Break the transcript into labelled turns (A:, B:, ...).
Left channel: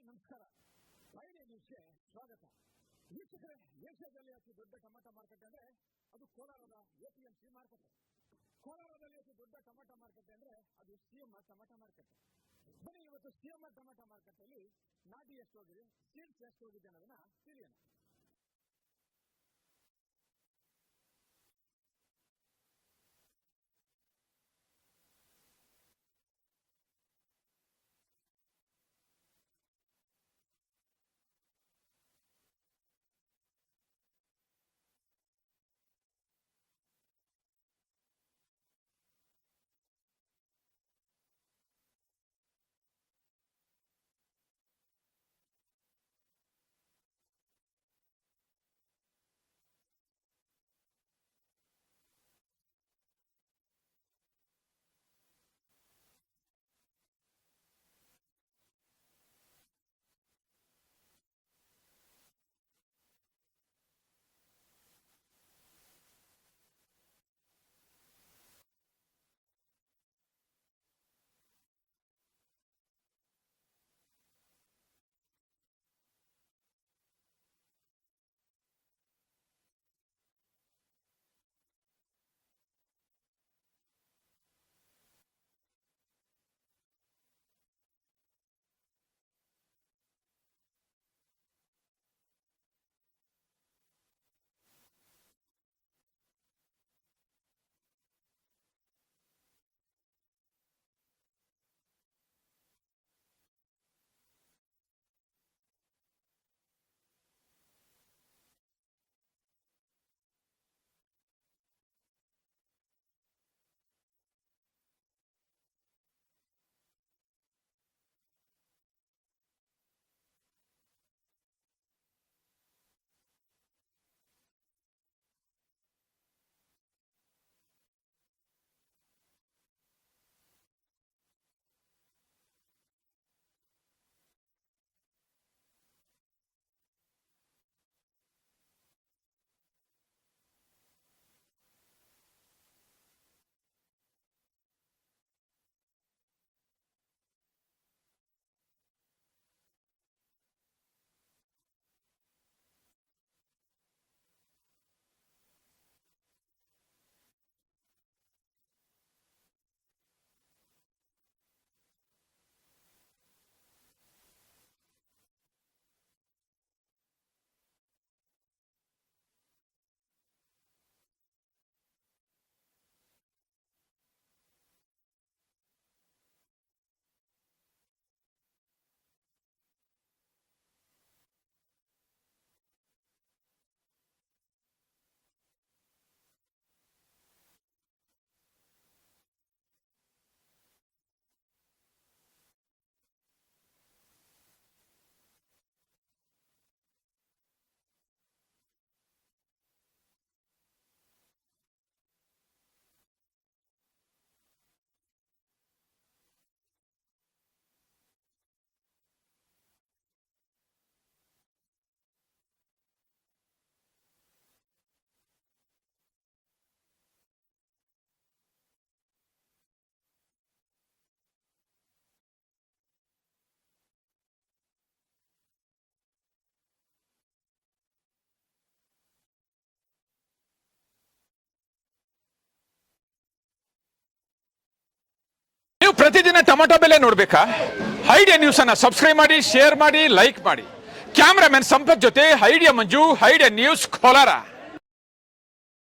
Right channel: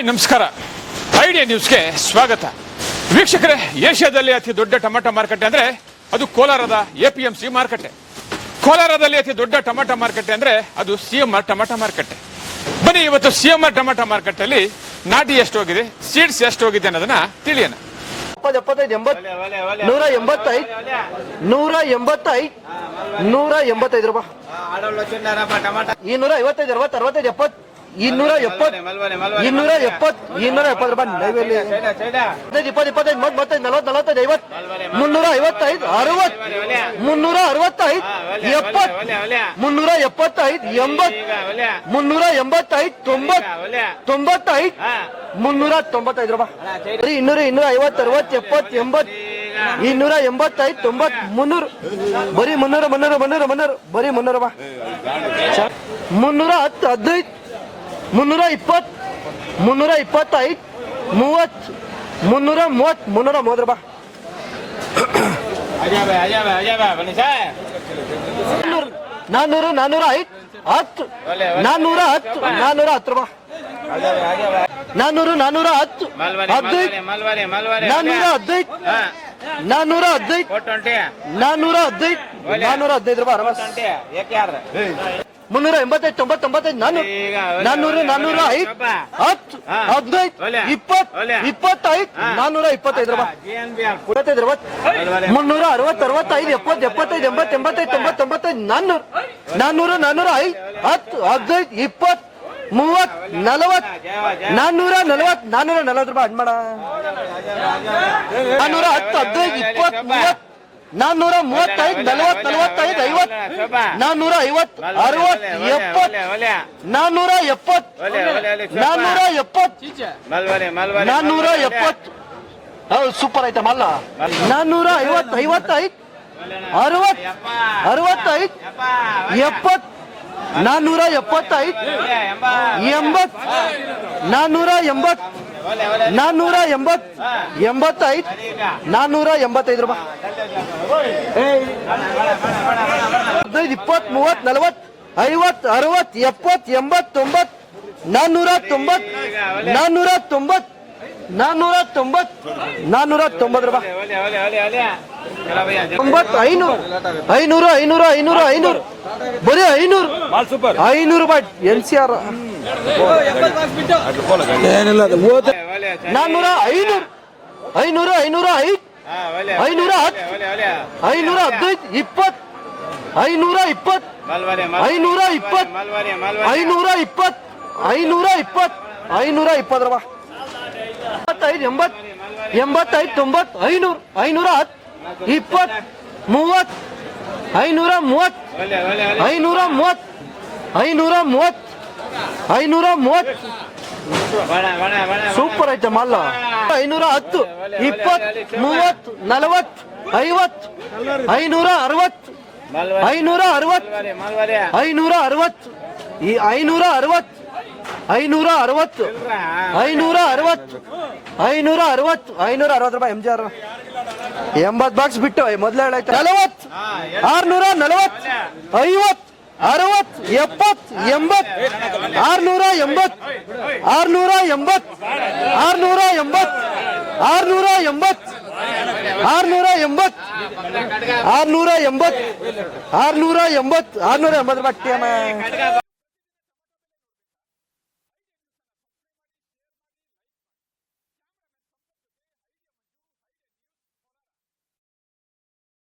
A: Hi, ನಮಸ್ಕಾರ. Idea ನ್ಯೂಸ್ಗೆ ಸ್ವಾಗತ. ವೀಕ್ಷಕರೇ, ಏಷ್ಯಾದಲ್ಲಿ ಅತಿ ದೊಡ್ಡ ಟೊಮೆಟೊ ಮಾರುಕಟ್ಟೆ ಅಂದ್ರೆ ಅದು ಕೋಲಾರದ ಎಪಿಎಂಸಿ ಮಾರುಕಟ್ಟೆ. ಕೋಲಾರದಲ್ಲಿ ಅತಿ ದೊಡ್ಡ ಟೊಮೆಟೊ ಮಾರುಕಟ್ಟೆ ಅಂದ್ರೆ ಅದು ಸಿ ಎಂ ಆರ್ ಟೊಮೆಟೊ ಮಾರುಕಟ್ಟೆ. ಬನ್ನಿ, ಇವತ್ತು ಸಿ ಎಂ ಆರ್ ಟೊಮೆಟೊ ಮಾರುಕಟ್ಟೆಯಲ್ಲಿ ನಾಟಿ ಎಷ್ಟು ಹೋಗಿದೆ ಸೀಡ್ಸ್ ಎಷ್ಟು ಹೋಗಿದೆ ಅನ್ನೋದನ್ನ ತಿಳಿಯೋಣ.
B: ನೂರ ಎಂಬತ್ತೈದು ನೂರ ಎಂಬತ್ತೈದು ನೂರ ಎಂಬತ್ತೈದು ರೂಪಾಯಿ. ಇನ್ನೂರ ಐವತ್ತೈದು, ಅರವತ್ತು, ಅರವತ್ತೈದು, ಎಪ್ಪತ್ತು. ಇನ್ನೂರ ಎಪ್ಪತ್ ಇನ್ನೂರ ಎಪ್ಪತ್ ಇನ್ನೂರ ಎಪ್ಪತ್ತು ರೂಪಾಯಿ ನೈವೇಲಿ. ಹದಿನೈದು ಇಪ್ಪತ್ತು ಇಪ್ಪತ್ತೈದು ಮತ್ತೆ ಮೂವತ್ತೈದು ನಲವತ್ತು ನಲವತ್ತೈದು ಐವತ್ತು ಮುನ್ನೂರ ಐವತ್ತೈದು ಅರವತ್ ಮುನ್ನೂರ ಅರವತ್ತೈದು ಎಪ್ಪತ್ ಮುನ್ನೂರ ಎಪ್ಪತ್ತೈದು ಎಂಬತ್ ಮುನ್ನೂರ ಎಂಬತ್ತೈದು ತೊಂಬತ್ ತೊಂಬತ್ತೈದು ಮುನ್ನೂರ ತೊಂಬತ್ತೈದು ರೂಪಾಯಿ. ಬರಿ ಇನ್ನೂರ ಇನ್ನೂರ ಐವತ್ತು ಅರವತ್ತು ಎಪ್ಪತ್ತು ಎಂಬತ್ತು ಇನ್ನೂರ ಎಂಬತ್ತೈದು ತೊಂಬತ್ ಮುನ್ನೂರು. ಬರೀ ಮುನ್ನೂರ ಮುನ್ನೂರ ಮುನ್ನೂರ ಮುನ್ನೂರು ಬರೀ ಮುನ್ನೂರ ಮುನ್ನೂರ ಹತ್ತು ಹದಿನೈದು ಮುನ್ನೂರ ಇಪ್ಪತ್ತು ಮುನ್ನೂರ ಇಪ್ಪತ್ತೈದು ಮೂವತ್ತು ಮುನ್ನೂರ ಮೂವತ್ತು ಮುನ್ನೂರ ಮೂವತ್ತು ರೂಪಾಯಿ. ನಾನ್ನೂರು ನಾನ್ನೂರು ಐದು ಹತ್ತು ನಾನ್ನೂರ ಹತ್ತು ನಾನ್ನೂರ ಹತ್ತು ರೂಪಾಯಿ. ನಾನ್ನೂರು ನಾನ್ನೂರ ಹತ್ತು ಹದಿನೈದು. ನಾನ್ನೂರ ಹದಿನೈದು. ನಾನ್ನೂರ ಹದಿನೈದು. ನಾನ್ನೂರ ಹದಿನೈದು. ನಾನ್ನೂರ ಹದಿನೈದು ರೂಪಾಯಿ ಮುನ್ನೂರ ಎಂಬತ್ತೈದು ತೊಂಬತ್ತೊಂಬತ್ತೈದು ನಾನ್ನೂರು ನಾನ್ನೂರು ನಾನ್ನೂರ ಐದು ಹತ್ತು ಹದಿನೈದು ಇಪ್ಪತ್ತು ಇಪ್ಪತ್ತೈದು ನಾನ್ನೂರ ಇಪ್ಪತ್ತೈದು ರೂಪಾಯಿ. ಇಪ್ಪತ್ತೈದು ಮುನ್ನೂರ ಅರವತ್ತು ಅರವತ್ತೈದು ಎಪ್ಪತ್ತು ಎಪ್ಪತ್ತೈದು ಎಂಬತ್ತು ಎಂಬತ್ತೈದು ತೊಂಬತ್ತೊಂಬತ್ತೈದು ನಾನ್ನೂರು ನಾನ್ನೂರು ನಾನ್ನೂರ ಐದು ಹತ್ತು ಹದಿನೈದು ಇಪ್ಪತ್ತು ಮೂವತ್ ನಲವತ್ ನಾನ್ನೂರ ನಲವತ್ ನಾನ್ನೂರ ನಲವತ್ತು ರೂಪಾಯಿ. ಅಡ್ಮಾಡ ನಾನ್ನೂರ ಹತ್ತು ಹದಿನೈದು ಇಪ್ಪತ್ತು ಮೂವತ್ತು ನಾನ್ನೂರ ಮೂವತ್ತೈದು ನಲವತ್ ನಲವತ್ತೈದು ಐವತ್ ನಾನ್ನೂರ ಐವತ್ ಅರವತ್ ಎಪ್ಪತ್ ನಾನ್ನೂರ ಎಪ್ಪತ್ ನಾನ್ನೂರ ಎಪ್ಪತ್ ನಾನ್ನೂರ ಎಪ್ಪತ್ ಹೌದು ಸೂಪರ್ ಐತೆ ಮಲ್ಲ ನಾನ್ನೂರ ಐವತ್ ಐವತ್ತೈದು ಅರವತ್ ಅರವತ್ತೈದು ಎಪ್ಪತ್ ನಾನ್ನೂರ ಎಪ್ಪತ್ತೈದು ಎಂಬತ್ ನಾನ್ನೂರ ಎಂಬತ್ತು ನಾನ್ನೂರ ಎಂಬತ್ ಎಂಬತ್ತೈದು ನಾನ್ನೂರ ಎಂಬತ್ತೈದು ರೂಪಾಯಿ. ಹದಿನೈದು, ಇಪ್ಪತ್ತು, ಮೂವತ್ತು, ನಲವತ್ತು, ಐವತ್ತು, ಅರವತ್ತು, ಎಪ್ಪತ್ತು ಎಂಬತ್ತು ತೊಂಬತ್ತು ನಾನ್ನೂರ ತೊಂಬತ್ ನಾನ್ನೂರ ತೊಂಬತ್ತು. ನಾನ್ನೂರ ತೊಂಬತ್ತು ನಾನ್ನೂರ ತೊಂಬತ್ತು ರೂಪಾಯಿ ತೊಂಬತ್ತು ಐನೂರು. ಐನೂರು ಐನೂರು ಐನೂರು ಐನೂರು. ಬರೀ ಐನೂರು. ಐನೂರು ರೂಪಾಯಿ ಎನ್ ಸಿ ಆರ್. ನಾನ್ನೂರ ಐನೂರು. ಐನೂರು ಐನೂರ ಐದು ಐನೂರ ಹತ್ತು. ಐನೂರ ಹದಿನೈದು ಇಪ್ಪತ್ತು. ಐನೂರ ಇಪ್ಪತ್ತು. ಐನೂರ ಇಪ್ಪತ್ತು. ಐನೂರ ಇಪ್ಪತ್ತು. ಐನೂರ ಇಪ್ಪತ್ತು. ಐನೂರ ಇಪ್ಪತ್ತು ರೂಪಾಯಿ ಎಂಬತ್ತೈದು, ಎಂಬತ್, ಎಂಬತ್ತೈದು ತೊಂಬತ್ತು ಐನೂರು, ಐನೂರ ಹತ್ತು ಇಪ್ಪತ್ತು ಮೂವತ್ತು ಐನೂರ ಮೂವತ್ತು ಐನೂರ ಮೂವತ್ತು ಐನೂರ ಮೂವತ್ತು ಐನೂರ ಮೂವತ್ತು ಸೂಪರ್ ಐತೆ ಮಲ್ಲ ಐನೂರ ಹತ್ತು ಇಪ್ಪತ್ತು ಮೂವತ್ತು ನಲವತ್ತು ಐವತ್ತು ಐನೂರ ಅರವತ್ತು ಐನೂರ ಅರವತ್ತು ಐನೂರ ಅರವತ್ತು ಈ ಐನೂರ ಅರವತ್ತು ಐನೂರ ಅರವತ್ತು ಐನೂರ ಅರವತ್ತು ಐನೂರ ಅರವತ್ತು ಐನೂರ ಅರವತ್ತು ರೂಪಾಯಿ ಎಂ ಜಿ ಆರ್ ಎಂಬತ್ತು ಬಾಕ್ಸ್ ಬಿಟ್ಟು ಮೊದಲೇ ಹೇಳಾಯ್ತು? ನಲವತ್ತು. ಆರ್ನೂರ ನಲವತ್ತು ಐವತ್ತು. ಅರವತ್ತು. ಎಪ್ಪತ್ತು. ಎಂಬತ್ತು. ಆರ್ನೂರ ಎಂಬತ್ತು ಆರ್ನೂರ ಎಂಬತ್ತು ಆರ್ನೂರ ಎಂಬತ್ತು ಆರ್ನೂರ ಎಂಬತ್ತು ಆರ್ನೂರ ಎಂಬತ್ತು ಆರ್ನೂರ ಎಂಬತ್ತು ಆರ್ನೂರ ಎಂಬತ್ತು ಆರ್ನೂರ ಎಂಬತ್ತು ಬಟ್ಟೆ
A: ನೀವು ಪ್ರತಿದಿನ ಟೊಮೆಟೊ ಬೆಲೆ ನೋಡ್ಬೇಕಾ? ಐಡಿಯಾ ನ್ಯೂಸ್ ಅನ್ನ ಸಬ್ಸ್ಕ್ರೈಬ್ ಮಾಡಿ ಶೇರ್ ಮಾಡಿ ಲೈಕ್ ಮಾಡಿ. ಕ್ಯಾಮ್ರಾಮನ್ ಸಂಪತ್ ಜೊತೆ idea Manju idea news Kolar.